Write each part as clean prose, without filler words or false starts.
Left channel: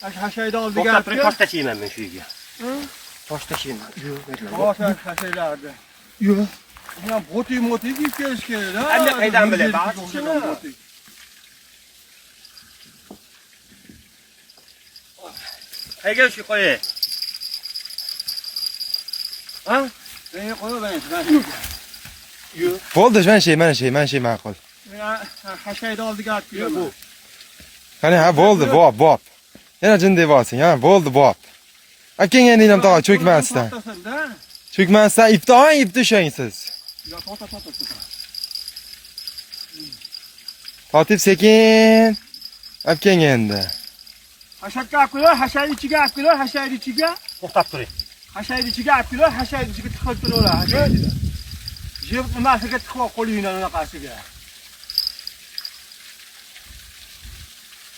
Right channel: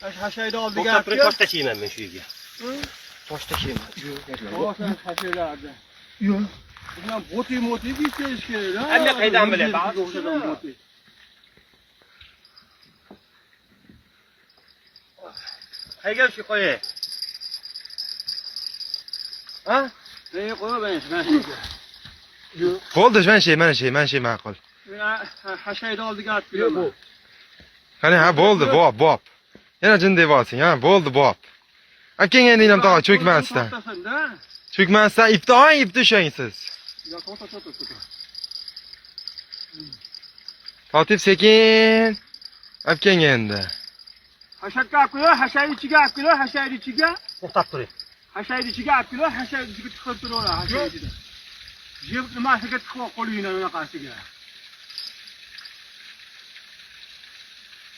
Haşayda oldu To'xtab turing, gapni. tosh tashlayman men shu yerga. Tosh tashlayman. Boshqa haşaylardi. Yo'q. Bundan boti giyib kelish kerak. Endi qaydan bilay, ba'zi shuni. Qayga shu qo'yay? Ha? Ben qo'ya ben. Bo'ldi, mana shay ma'qul. Haşayda oldu gapni. Bu. Qani ha bo'ldi, bob. Yana jin deyapsan, ha, bo'ldi, bob. Akang endi ham tog'a cho'kmasdan. Cho'kmasdan ipni ushlang siz. Yo'q, to'xta. Fatib sekin. Akang endi. Haşakka apkilo, haşayni ichiga apkilo, haşayni ichiga. To'xtab turing. Haşayni ichiga apkilo, haşayni ichiga tiqib turaveradi. Jeb nimasiga tiqib qo'lingdan unaqasiga.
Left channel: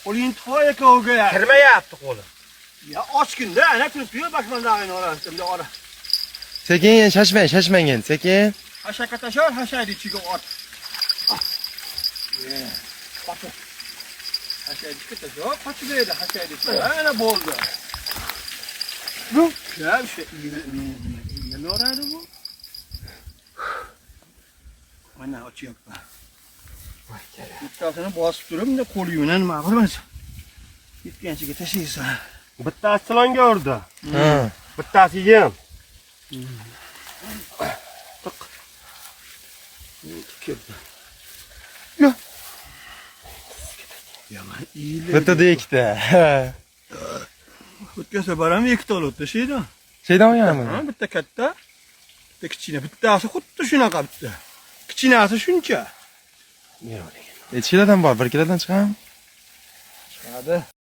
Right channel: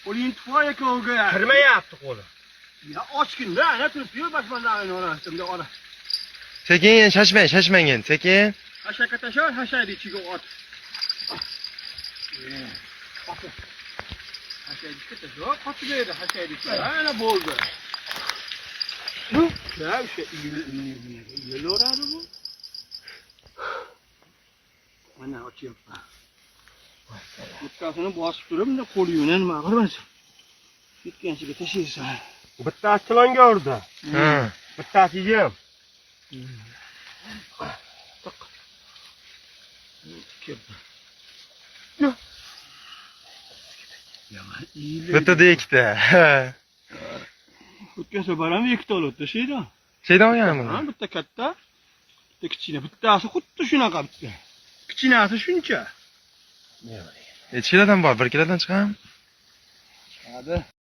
Qo'ling tiqib ekovga. Kirmayapti qo'lim. Ya ochgin-da, ana turib boshmanlarni orasida ola. Sekin, shashmang endi, sekin. Haşakka tashar, haşayni ichiga ot. Haşayni ichiga tashar, qotibdi haşayni ichiga. Ana bo'ldi. Bu, ya şu yeloradi bu. Mana ochyapman. Bittasini bosib turib, bunday qo'lingdan nima qilmasin. Ketganchiga tashlaysan. Bittasi silonga urdi. Ha. Bittasi yem. Yaman iyile. Bitta ikkita. O'tgan safar ham ikkita olibdi, sheyda. Shaydan olganmi? Ha, bitta katta, bitta kichkina. Bittasi xuddi shunaqa bitta. Kichkinasi shuncha. Necha kilodan bor? 1 kilodan chiqam? Chiqadi.